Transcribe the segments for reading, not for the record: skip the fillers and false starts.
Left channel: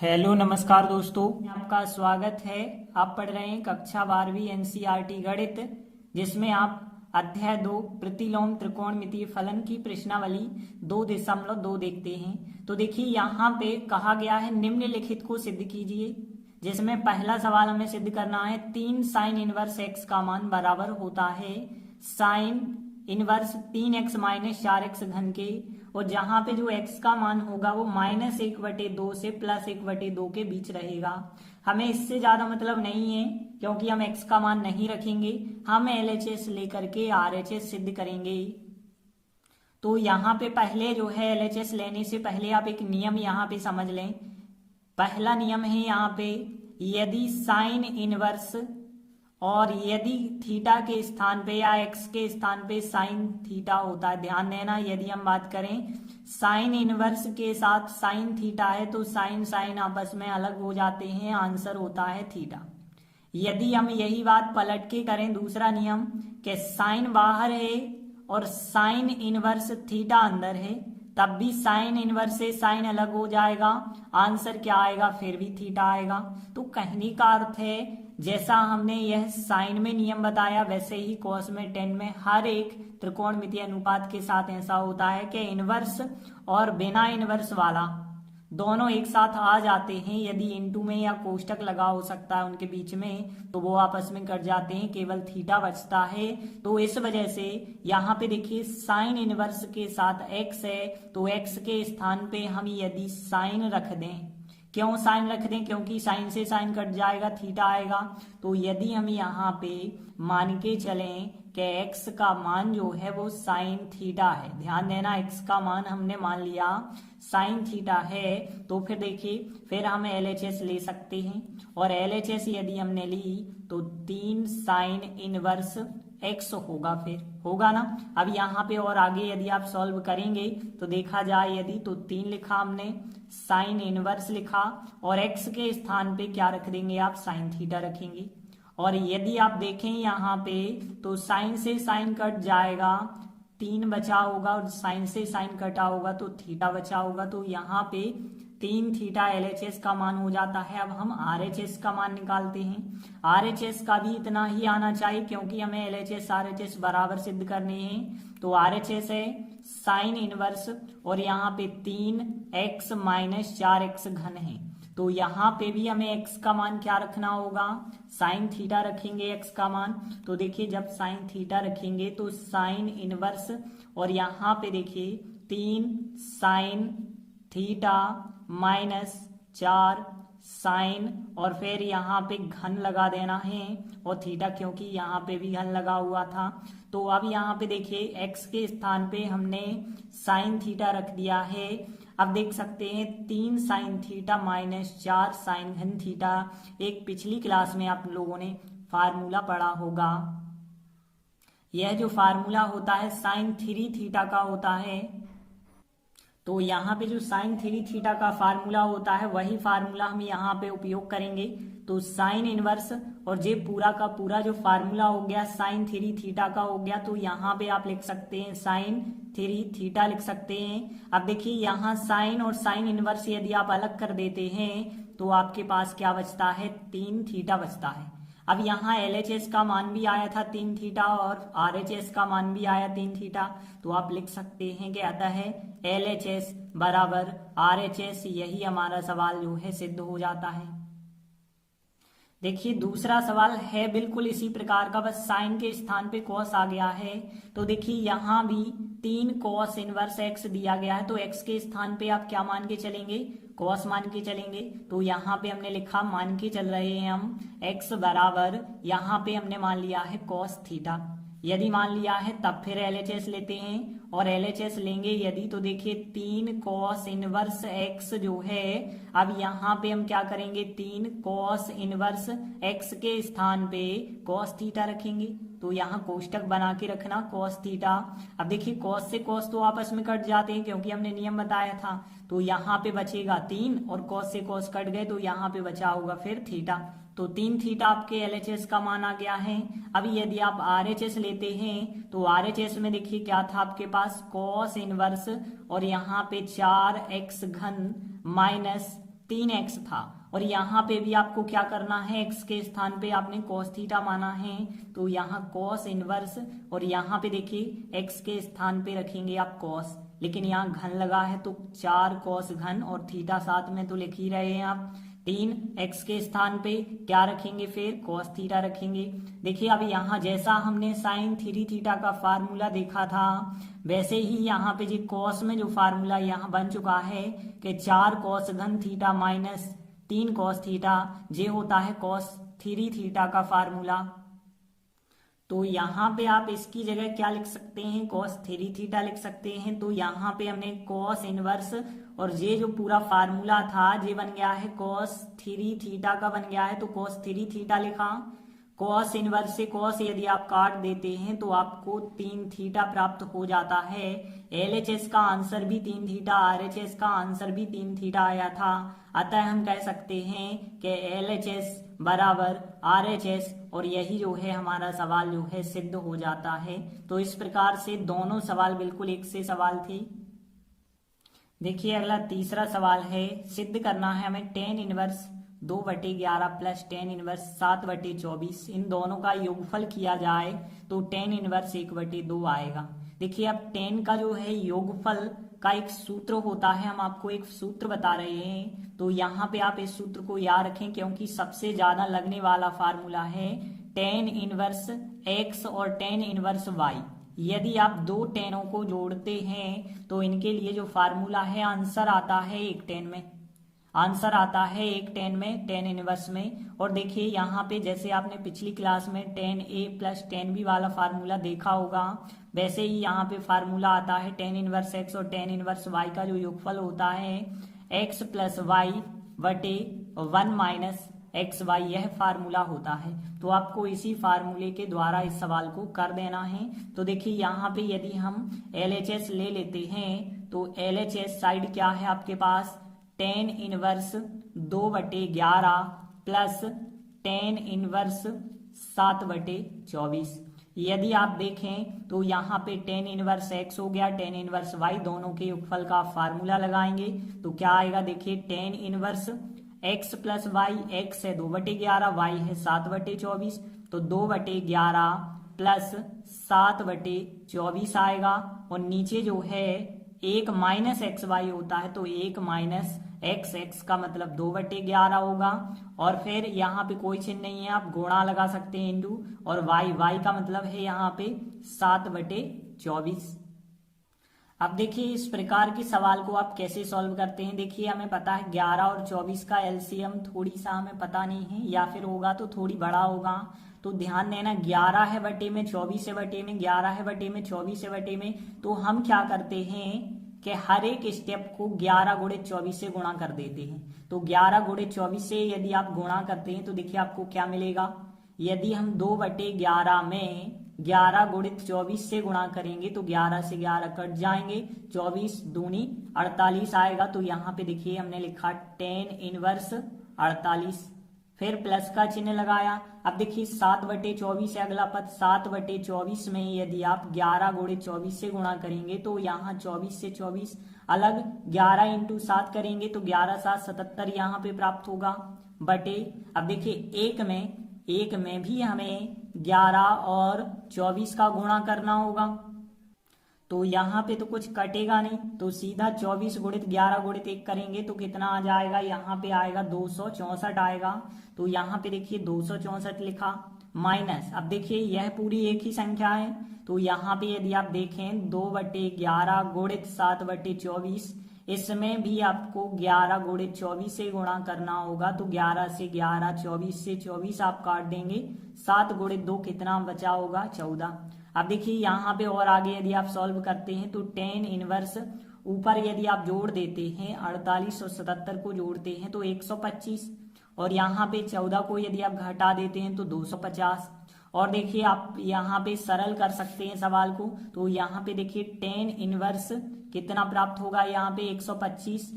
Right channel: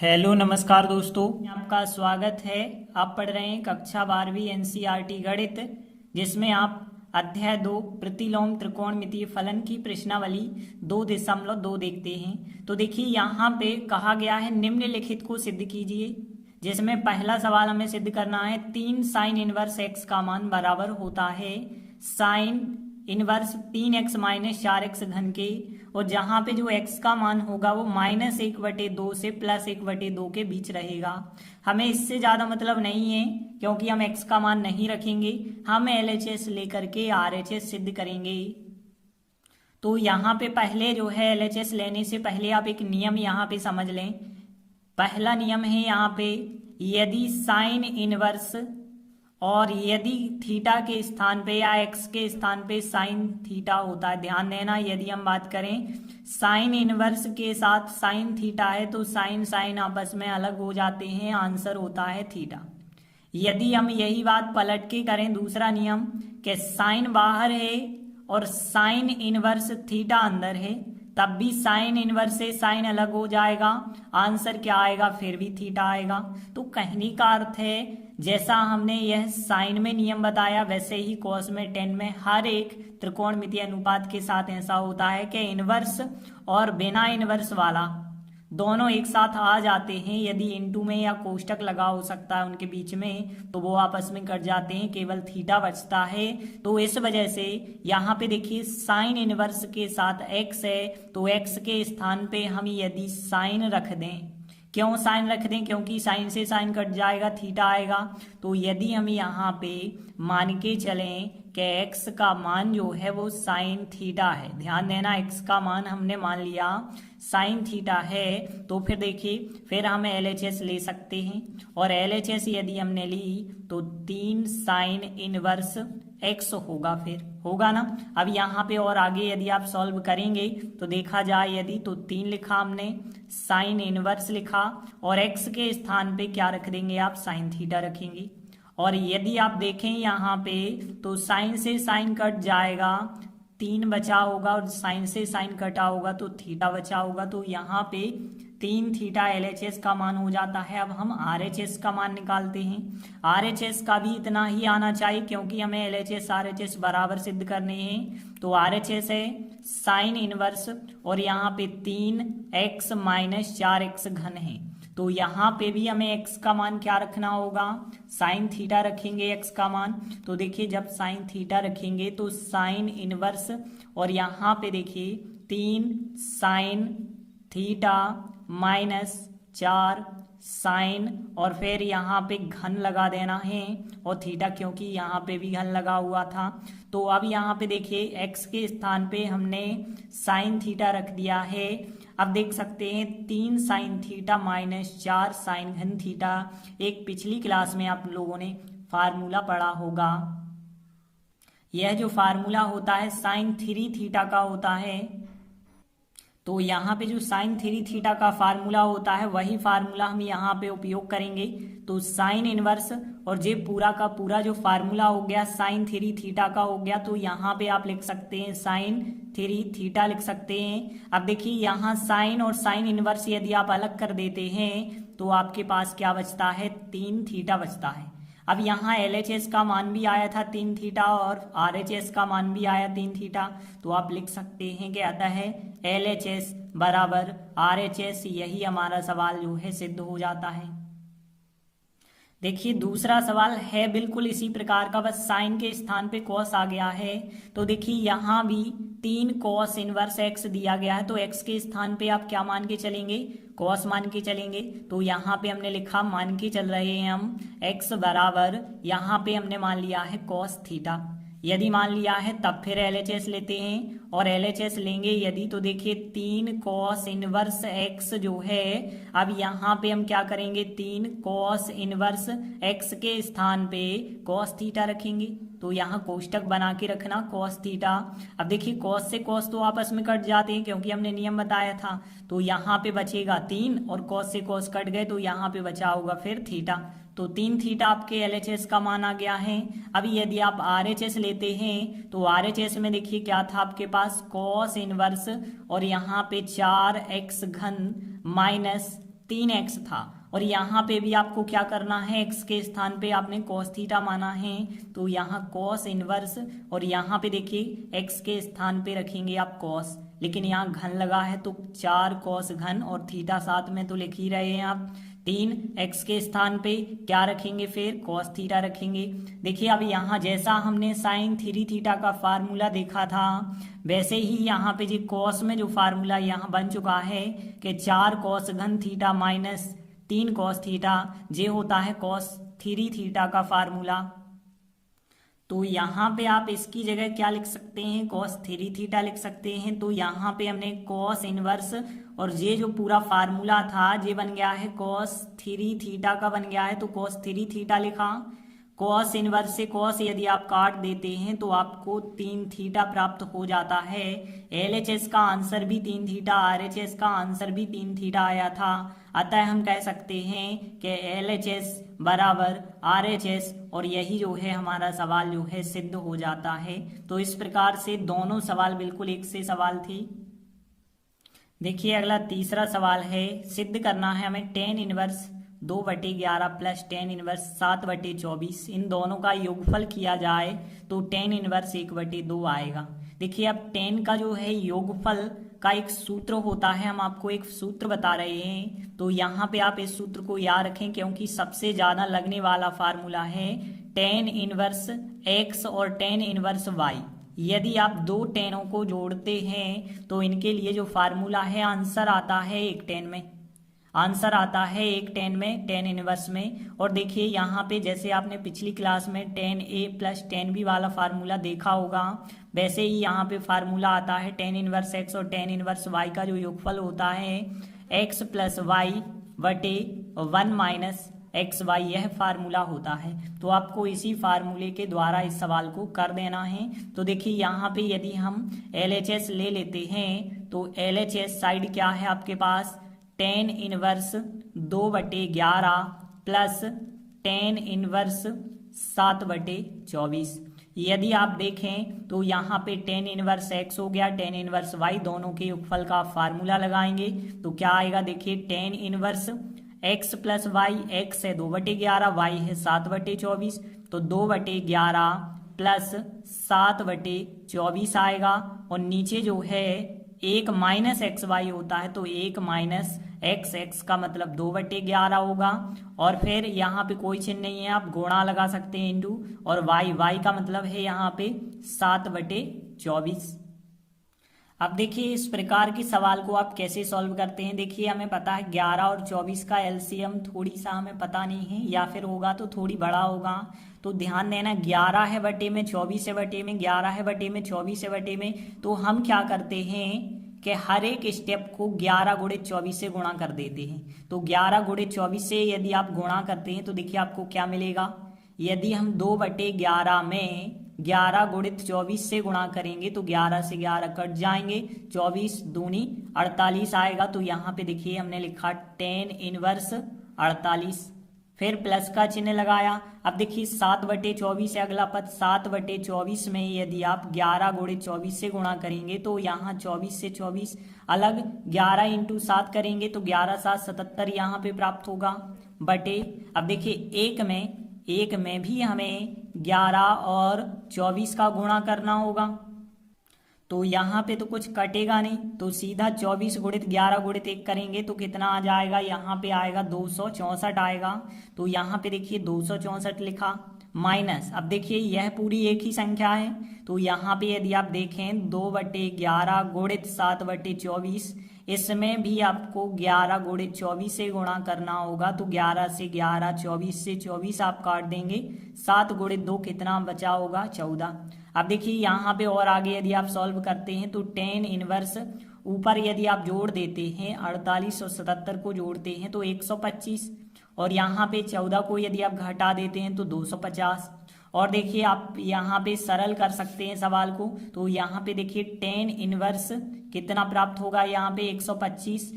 Hello नमस्कार दोस्तों, आपका स्वागत है। आप पढ़ रहे हैं कक्षा 12वीं एनसीईआरटी गणित, जिसमें आप अध्याय 2 प्रतिलोम त्रिकोणमितीय फलन की प्रश्नावली 2.2 देखते हैं। तो देखिए यहाँ पे कहा गया है निम्नलिखित को सिद्ध कीजिए, जिसमें पहला सवाल हमें सिद्ध करना है 3 साइन इनवर्स एक्स का मान बराबर होता है sine inverse 3x minus 4x घन के, और जहां पे जो x का मान होगा वो -1/2 से +1/2 के बीच रहेगा। हमें इससे ज्यादा मतलब नहीं है, क्योंकि हम x का मान नहीं रखेंगे, हम LHS लेकर के RHS सिद्ध करेंगे। तो यहाँ पे पहले जो है LHS लेने से पहले आप एक नियम यहाँ पे समझ लें। पहला नियम है यहाँ पे, यदि साइन इनवर्स और यदि थीटा के स्थान पे या एक्स के स्थान पे साइन थीटा होता है, ध्यान देना, यदि हम बात करें साइन इनवर्स के साथ साइन थीटा है तो साइन साइन आपस में अलग हो जाते हैं, आंसर होता है थीटा। यदि हम यही बात पलट के करें, दूसरा नियम कि साइन बाहर है और साइन इनवर्स थीटा अंदर है, तब भी साइन इनवर्स से साइन अलग हो जाएगा, आंसर क्या आएगा, फिर भी थीटा आएगा। तो कहने का अर्थ है, जैसा हमने यह साइन में नियम बताया वैसे ही कॉस में टेन में हर एक त्रिकोणमितीय अनुपात के साथ ऐसा होता है कि इनवर्स और बिना इनवर्स वाला दोनों एक साथ आ जाते हैं। यदि इनटू में या कोष्टक लगा हो सकता है उनके बीच में, तो वो आपस में कट जाते हैं, केवल थीटा बचता है। तो इस वजह से यहाँ पे देखिए साइन इनवर्स के साथ x है, तो x के स्थान पे हम यदि साइन रख दें, क्यों साइन रख दें, क्योंकि साइन से साइन कट जाएगा, थीटा आएगा। तो यदि हम यहाँ पे मान के चलें कि x का मान जो है वो साइन थीटा है, ध्यान देना x का मान हमने मान लिया साइन थीटा है, तो फिर देखिए फिर हम LHS ले सकते हैं, और LHS यदि हमने ली तो 3 साइन इनवर्स x होगा, फिर होगा ना। अब यहाँ पे और आगे यदि आप सॉल्व करेंगे तो देखा जाए, यदि तो 3 लिखा हमने, साइन इनवर्स लिखा, और x के स्थान पे क्या रख देंगे आप, साइन थीटा रखेंगे। और यदि आप देखें यहाँ पे तो साइन से साइन कट जाएगा, 3 बचा होगा, और साइन से साइन कटा होगा तो थीटा बचा होगा। तो यहाँ पे 3 थीटा LHS का मान हो जाता है। अब हम RHS का मान निकालते हैं। RHS का भी इतना ही आना चाहिए, क्योंकि हमें LHS RHS बराबर सिद्ध करने हैं। तो RHS है साइन इनवर्स, और यहाँ पे 3x माइनस 4x घन है, तो यहाँ पे भी हमें x का मान क्या रखना होगा, साइन थीटा रखेंगे x का मान। तो देखिए जब साइन थीटा रखेंगे तो साइन इनवर्स, और यहाँ पे देखिए 3 साइन थीटा माइनस 4 साइन, और फिर यहाँ पे घन लगा देना है, और थीटा क्योंकि यहाँ पे भी घन लगा हुआ था। तो अब यहाँ पे देखिए x के स्थान पे हमने साइन थीटा रख दिया है। अब देख सकते हैं 3 साइन थीटा माइनस 4 साइन घन थीटा, एक पिछली क्लास में आप लोगों ने फार्मूला पढ़ा होगा। यह जो फार्मूला होता है साइन 3 थीटा का होता है, तो यहाँ पे जो साइन 3 थीटा का फार्मूला होता है वही फार्मूला हम यहाँ पे उपयोग करेंगे। तो साइन इनवर्स और ये पूरा का पूरा जो फार्मूला हो गया साइन 3 थीटा का हो गया, तो यहाँ पे आप लिख सकते हैं साइन 3 थीटा लिख सकते हैं। अब देखिए यहाँ साइन और साइन इनवर्स यदि आप अलग कर देते हैं तो आपके पास क्या बचता है, 3 थीटा बचता है। अब यहाँ LHS का मान भी आया था 3 थीटा, और RHS का मान भी आया 3 थीटा, तो आप लिख सकते हैं कि आता है LHS बराबर RHS। यही हमारा सवाल जो है सिद्ध हो जाता है। देखिए दूसरा सवाल है बिल्कुल इसी प्रकार का, बस साइन के स्थान पे कॉस आ गया है। तो देखिए यहाँ भी 3 कॉस इनवर्स x दिया गया है, तो x के स्थान पे आप क्या मान के चलेंगे, कॉस मान के चलेंगे। तो यहाँ पे हमने लिखा, मान के चल रहे हैं हम x बराबर, यहाँ पे हमने मान लिया है कॉस थीटा। यदि मान लिया है तब फिर LHS लेते हैं, और LHS लेंगे यदि तो देखिए 3 कॉस इनवर्स x जो है, अब यहाँ पे हम क्या करेंगे, 3 कॉस इनवर्स x के स्थान पे कॉस थीटा रखेंगे। तो यहाँ कोष्टक बना के रखना कॉस थीटा। अब देखिए कॉस से कॉस तो आपस में कट जाते हैं, क्योंकि हमने नियम बताया था। तो यहाँ पे बचेगा 3, और कॉस से कॉस कट गए तो यहाँ पे बचा होगा फिर थीटा। तो 3 थीटा आपके LHS का मान आ गया है। अभी यदि आप RHS लेते हैं तो RHS में देखिए क्या था आपके पास, कॉस इनवर्स, और यहाँ पे 4x घन माइनस 3x था, और यहाँ पे भी आपको क्या करना है, x के स्थान पे आपने cos थीटा माना है, तो यहाँ cos इनवर्स, और यहाँ पे देखिए x के स्थान पे रखेंगे आप cos, लेकिन यहाँ घन लगा है तो 4 cos घन, और थीटा साथ में तो लिख ही रहे हैं आप। 3x के स्थान पे क्या रखेंगे, फिर cos थीटा रखेंगे। देखिए अब यहाँ जैसा हमने sin 3 थीटा का फार्मूला देखा था, वैसे ही यहाँ पे जी cos में जो फार्मूला यहाँ बन चुका है कि 4 cos घन थीटा माइनस 3 cos थीटा, ये होता है cos 3 थीटा का फार्मूला। तो यहाँ पे आप इसकी जगह क्या लिख सकते हैं, cos 3 थीटा लिख सकते हैं। तो यहाँ पे हमने cos इनवर्स, और ये जो पूरा फार्मूला था ये बन गया है cos 3 थीटा का बन गया है, तो cos 3 थीटा लिखा। cos इनवर्स से cos यदि आप काट देते हैं तो आपको 3 थीटा प्राप्त हो जाता है। LHS का आंसर भी 3 थीटा, RHS का आंसर भी 3 थीटा आया था। अतः हम कह सकते हैं कि LHS बराबर RHS, और यही जो है हमारा सवाल जो है सिद्ध हो जाता है। तो इस प्रकार से दोनों सवाल बिल्कुल एक से सवाल थे। देखिए अगला तीसरा सवाल है, सिद्ध करना है हमें tan inverse 2/11 plus tan inverse 7/24, इन दोनों का योगफल किया जाए तो tan इनवर्स 1/2 आएगा। देखिए अब tan का जो है योगफल का एक सूत्र होता है, हम आपको एक सूत्र बता रहे हैं, तो यहाँ पे आप इस सूत्र को याद रखें क्योंकि सबसे ज्यादा लगने वाला फार्मूला है tan इनवर्स x और tan इनवर्स y। यदि आप दो टेनों को जोड़ते हैं तो इनके लिए जो फार्मूला है आंसर आता है 1 tan में, आंसर आता है 1 tan में, tan इनवर्स में। और देखिए यहाँ पे जैसे आपने पिछली क्लास में tan a plus tan b वाला फार्मूला देखा होगा, वैसे ही यहाँ पे फार्मूला आता है tan इनवर्स x और tan इनवर्स y का जो योगफल होता है x प्लस वाई बटे 1 माइनस एक्स वाई, यह फार्मूला होता है। तो आपको इसी फार्मूले के द्वारा इस सवाल को कर देना है। तो देखिए यहाँ पे यदि हम LHS ले लेते हैं तो LHS साइड क्या है आपके पास, tan inverse 2/11 plus tan inverse 7/24। यदि आप देखें तो यहाँ पे tan इनवर्स x हो गया, tan इनवर्स y, दोनों के योगफल का फार्मूला लगाएंगे तो क्या आएगा, देखिए tan inverse x plus Y, x है 2/11, y है 7/24, तो 2/11 प्लस 7/24 आएगा। और नीचे जो है 1 माइनस एक्स वाई होता है, तो 1 माइनस एक्स, एक्स का मतलब 2/11 होगा। और फिर यहाँ पे कोई चिन्ह नहीं है, आप गुणा लगा सकते हैं इंटू, और वाई, वाई का मतलब है यहाँ पे 7/24। अब देखिए इस प्रकार के सवाल को आप कैसे सॉल्व करते हैं। देखिए हमें पता है 11 और 24 का एलसीएम थोड़ी सा हमें पता नहीं है, या फिर होगा तो थोड़ी बड़ा होगा। तो ध्यान देना 11 है बटे में, 24 है बटे में, 11 है बटे में, 24 है बटे में। तो हम क्या करते हैं कि हर एक स्टेप को 11 गुणित 24 से गुणा कर देते हैं। तो 11 गुणित 24 से यदि आप गुणा करते हैं तो देखिए आपको क्या मिलेगा, यदि हम 2/11 में 11 गुणित 24 से गुणा करेंगे तो 11 से 11 कट जाएंगे, 24 दूनी 48 आएगा। तो यहाँ पे देखिए हमने लिखा tan इनवर्स 48, फिर प्लस का चिन्ह लगाया। अब देखिए 7/24 है अगला पद, 7/24 में यदि आप 11 गुणित 24 से गुणा करेंगे तो यहाँ 24 से 24 अलग, 11 इंटू 7 करेंगे तो 11 7 77 यहाँ पे प्राप्त होगा बटे। अब देखिए एक में भी हमें 11 और 24 का गुणा करना होगा, तो यहाँ पे तो कुछ कटेगा नहीं, तो सीधा 24 गुणित 11 गुणित 1 करेंगे तो कितना आ जाएगा, यहाँ पे आएगा 264 आएगा। तो यहाँ पे देखिए 264 लिखा, माइनस, अब देखिए यह पूरी एक ही संख्या है, तो यहाँ पे यदि आप देखें 2/11 गुणित 7/24, इसमें भी आपको 11 गुणित 24 से गुणा करना होगा। तो 11 से 11, 24 से 24 आप काट देंगे, 7 गुणित 2 कितना बचा होगा, 14। अब देखिए यहाँ पे और आगे यदि आप सॉल्व करते हैं तो tan इनवर्स ऊपर यदि आप जोड़ देते हैं 48 और 77 को जोड़ते हैं तो 125, और यहाँ पे 14 को यदि आप घटा देते हैं तो 250। और देखिए आप यहाँ पे सरल कर सकते हैं सवाल को, तो यहाँ पे देखिए tan इनवर्स कितना प्राप्त होगा, यहाँ पे 125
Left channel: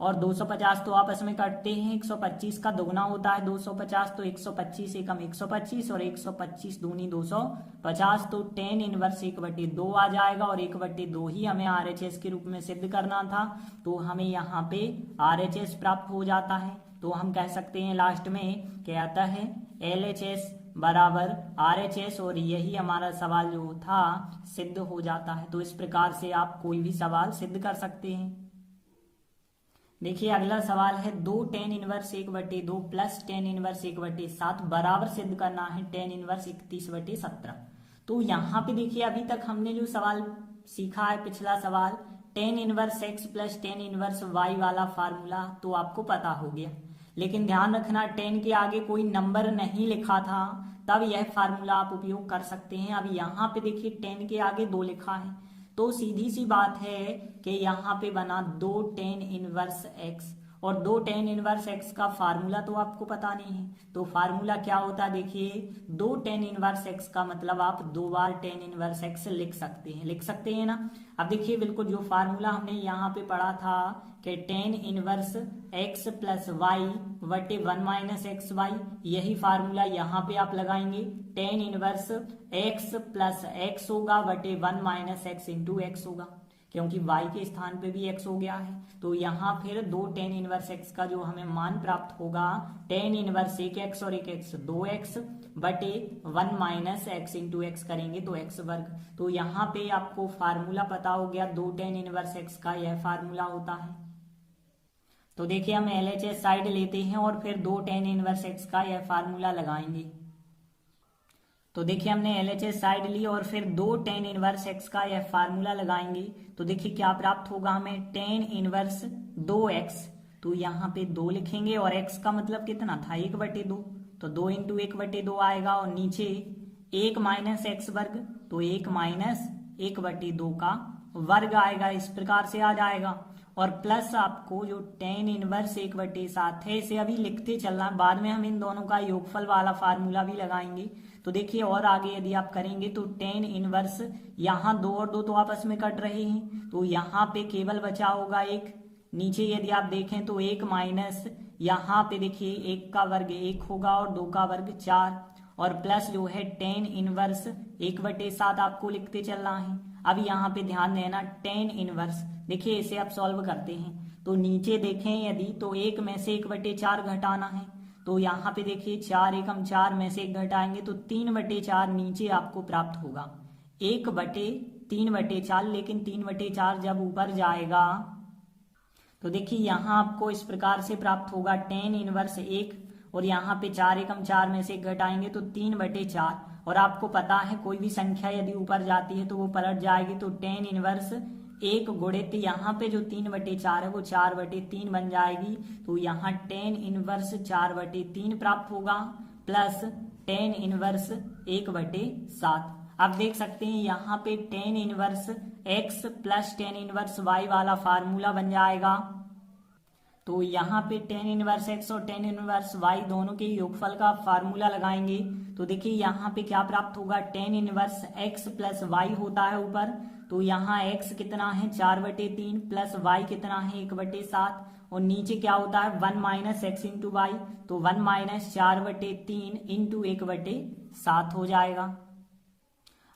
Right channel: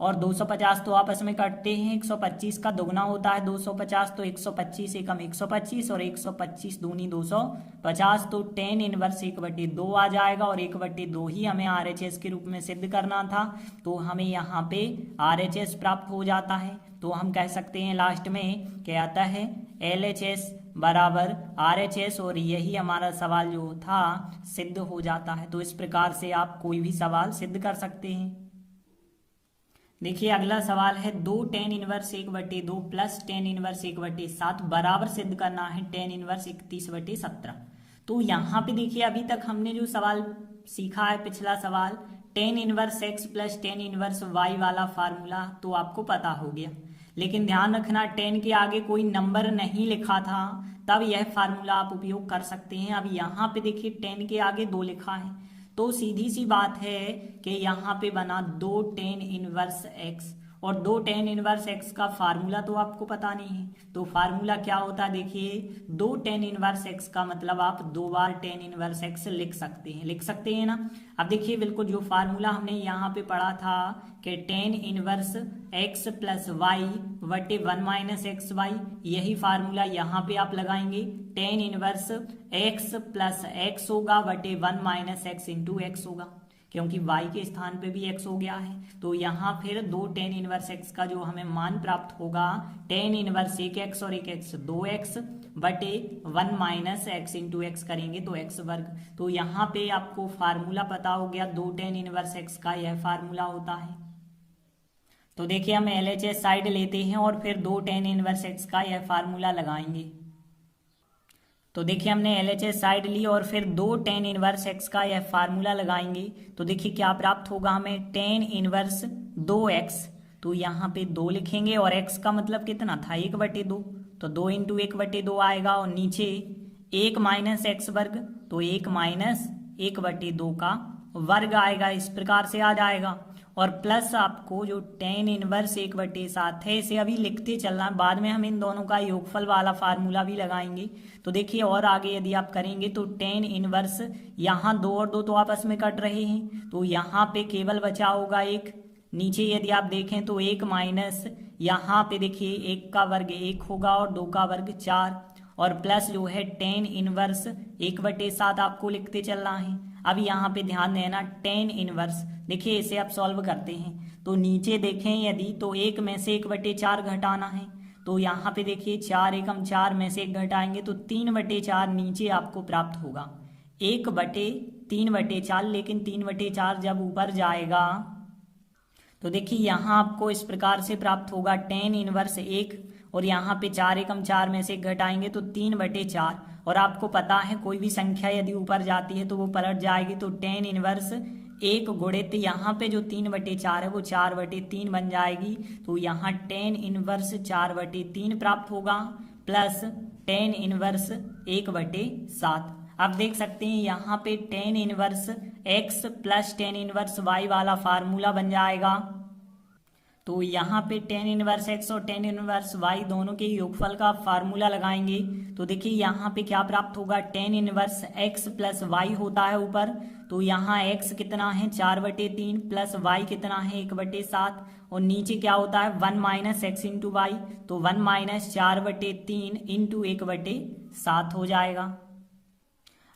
और 250 तो आपस में कटते हैं, 125 का दुगना होता है 250, तो 125 एकम 125 और 125 दूनी 250, तो tan इनवर्स 1/2 आ जाएगा और 1/2 ही हमें RHS के रूप में सिद्ध करना था, तो हमें यहाँ पे RHS प्राप्त हो जाता है। तो हम कह सकते हैं लास्ट में क्या आता है, LHS बराबर RHS, और यही हमारा सवाल जो था सिद्ध हो जाता है। तो इस प्रकार से आप कोई भी सवाल सिद्ध कर सकते हैं। देखिए अगला सवाल है 2 tan inverse 1/2 plus tan inverse 1/7 बराबर सिद्ध करना है tan इनवर्स 31/17। तो यहाँ पे देखिए अभी तक हमने जो सवाल सीखा है, पिछला सवाल tan inverse x plus tan inverse y वाला फार्मूला तो आपको पता हो गया, लेकिन ध्यान रखना tan के आगे कोई नंबर नहीं लिखा था, तब यह फार्मूला आप उपयोग कर सकते हैं। अब यहाँ पे देखिए tan के आगे 2 लिखा है, तो सीधी सी बात है कि यहाँ पे बना 2 tan इनवर्स x, और 2 tan इनवर्स x का फार्मूला तो आपको पता नहीं है, तो फार्मूला क्या होता है देखिए 2 tan इनवर्स x का मतलब आप 2 बार tan इनवर्स x लिख सकते हैं ना। अब देखिए बिल्कुल जो फार्मूला हमने यहाँ पे पढ़ा था कि tan inverse x plus Y बटे 1 माइनस एक्स वाई, यही फार्मूला यहाँ पे आप लगाएंगे, tan inverse x plus x होगा बटे 1 माइनस एक्स इंटू एक्स होगा, क्योंकि y के स्थान पे भी x हो गया है। तो यहाँ फिर 2 tan इनवर्स x का जो हमें मान प्राप्त होगा, tan इनवर्स 1x और 1x 2x बटे 1 माइनस एक्स इंटू एक्स करेंगे तो x वर्ग। तो यहाँ पे आपको फार्मूला पता हो गया 2 tan इनवर्स x का यह फार्मूला होता है। तो देखिए हम LHS साइड लेते हैं और फिर 2 tan इनवर्स x का यह फार्मूला लगाएंगे। तो देखिए हमने LHS साइड ली और फिर 2 tan इनवर्स x का यह फार्मूला लगाएंगे, तो देखिए क्या प्राप्त होगा हमें, tan इनवर्स 2x, तो यहाँ पे 2 लिखेंगे और x का मतलब कितना था 1/2, तो 2 इंटू 1/2 आएगा, और नीचे 1 माइनस एक्स वर्ग, तो 1 माइनस 1/2 का वर्ग आएगा, इस प्रकार से आ जाएगा। और प्लस आपको जो tan इनवर्स 1/7 है इसे अभी लिखते चलना, बाद में हम इन दोनों का योगफल वाला फार्मूला भी लगाएंगे। तो देखिए और आगे यदि आप करेंगे तो tan इनवर्स, यहाँ 2 और 2 तो आपस में कट रहे हैं, तो यहाँ पे केवल बचा होगा 1, नीचे यदि आप देखें तो 1 माइनस, यहाँ पे देखिए 1 का वर्ग 1 होगा और 2 का वर्ग 4, और प्लस जो है tan इनवर्स 1/7 आपको लिखते चलना है। अब यहाँ पे ध्यान देना tan इनवर्स, देखिए इसे आप सॉल्व करते हैं तो नीचे देखें यदि तो 1 में से 1/4 घटाना है, तो यहाँ पे देखिए 4 एकम 4 में से 1 घटाएंगे तो 3/4 नीचे आपको प्राप्त होगा, 1/3/4, लेकिन 3/4 जब ऊपर जाएगा तो देखिए यहाँ आपको इस प्रकार से प्राप्त होगा tan इनवर्स 1, और यहाँ पे 4 एकम 4 में से 1 घटाएंगे तो 3/4, और आपको पता है कोई भी संख्या यदि ऊपर जाती है तो वो पलट जाएगी, तो tan इनवर्स 1 गुणित यहाँ पे जो 3/4 है वो 4/3 बन जाएगी, तो यहाँ tan इनवर्स 4/3 प्राप्त होगा, प्लस tan इनवर्स 1/7। आप देख सकते हैं यहाँ पे tan inverse x plus tan inverse y वाला फार्मूला बन जाएगा। तो यहाँ पे tan इनवर्स x और tan इनवर्स y दोनों के योगफल का फार्मूला लगाएंगे, तो देखिए यहाँ पे क्या प्राप्त होगा, tan inverse x plus y होता है ऊपर, तो यहाँ x कितना है 4/3 प्लस y कितना है 1/7, और नीचे क्या होता है 1 माइनस एक्स इंटू वाई, तो 1 माइनस 4/3 इंटू 1/7 हो जाएगा।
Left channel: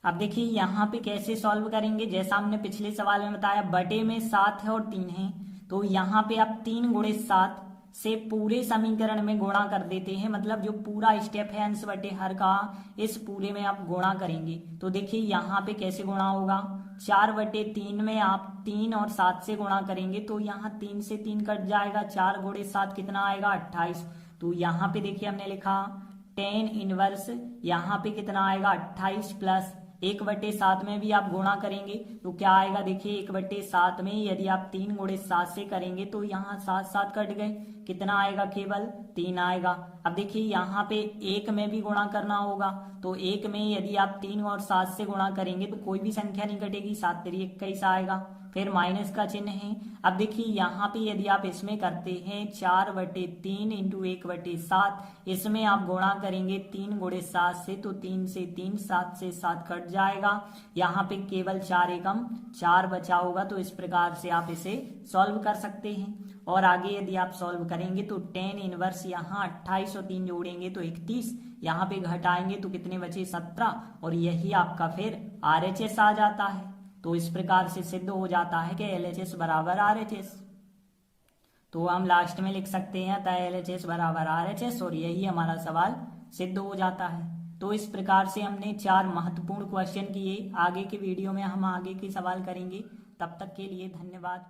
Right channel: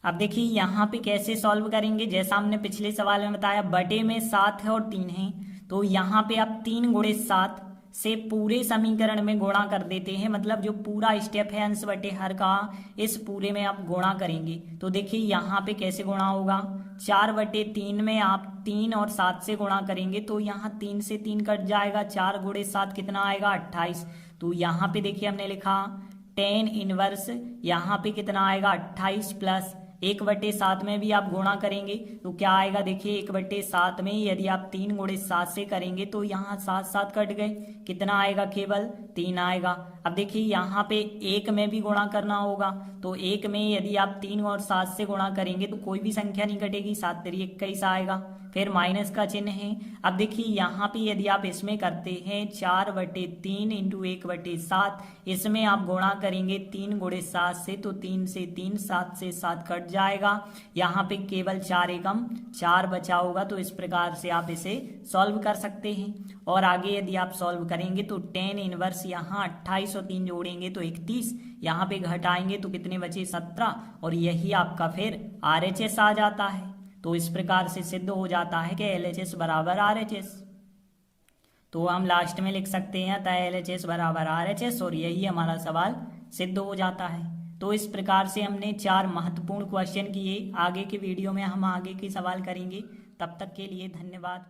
अब देखिए यहाँ पे कैसे सॉल्व करेंगे, जैसा हमने पिछले सवाल में बताया बटे में 7 है और 3 है, तो यहाँ पे आप 3 गुणे 7 से पूरे समीकरण में गुणा कर देते हैं, मतलब जो पूरा स्टेप है अंश बटे हर का, इस पूरे में आप गुणा करेंगे। तो देखिए यहाँ पे कैसे गुणा होगा, 4/3 में आप 3 और 7 से गुणा करेंगे तो यहाँ 3 से 3 कट जाएगा, 4 गुणे 7 कितना आएगा 28। तो यहाँ पे देखिए हमने लिखा tan इनवर्स, यहाँ पे कितना आएगा 28 प्लस 1/7 में भी आप गुणा करेंगे तो क्या आएगा, देखिए 1/7 में यदि आप 3 गुणे 7 से करेंगे तो यहाँ 7 7 कट गए, कितना आएगा केवल 3 आएगा। अब देखिए यहाँ पे 1 में भी गुणा करना होगा, तो 1 में यदि आप 3 और 7 से गुणा करेंगे तो कोई भी संख्या नहीं कटेगी, 7 3 21 आएगा, फिर माइनस का चिन्ह है। अब देखिए यहाँ पे यदि आप इसमें करते हैं 4/3 इंटू 1/7, इसमें आप गुणा करेंगे 3 गुणे 7 से, तो 3 से 3, 7 से 7 कट जाएगा। यहाँ पे केवल 4 एकम 4 बचा होगा, तो इस प्रकार से आप इसे सॉल्व कर सकते हैं। और आगे यदि आप सॉल्व करेंगे तो tan इनवर्स यहाँ 28 और 3 जोड़ेंगे तो 31, यहाँ पे घटाएंगे तो कितने बचे 17, और यही आपका फिर RHS आ जाता है। तो इस प्रकार से सिद्ध हो जाता है कि LHS बराबर RHS। तो हम लास्ट में लिख सकते हैं अतः LHS बराबर RHS, और यही हमारा सवाल सिद्ध हो जाता है। तो इस प्रकार से हमने 4 महत्वपूर्ण क्वेश्चन किए। आगे के वीडियो में हम आगे के सवाल करेंगे। तब तक के लिए धन्यवाद।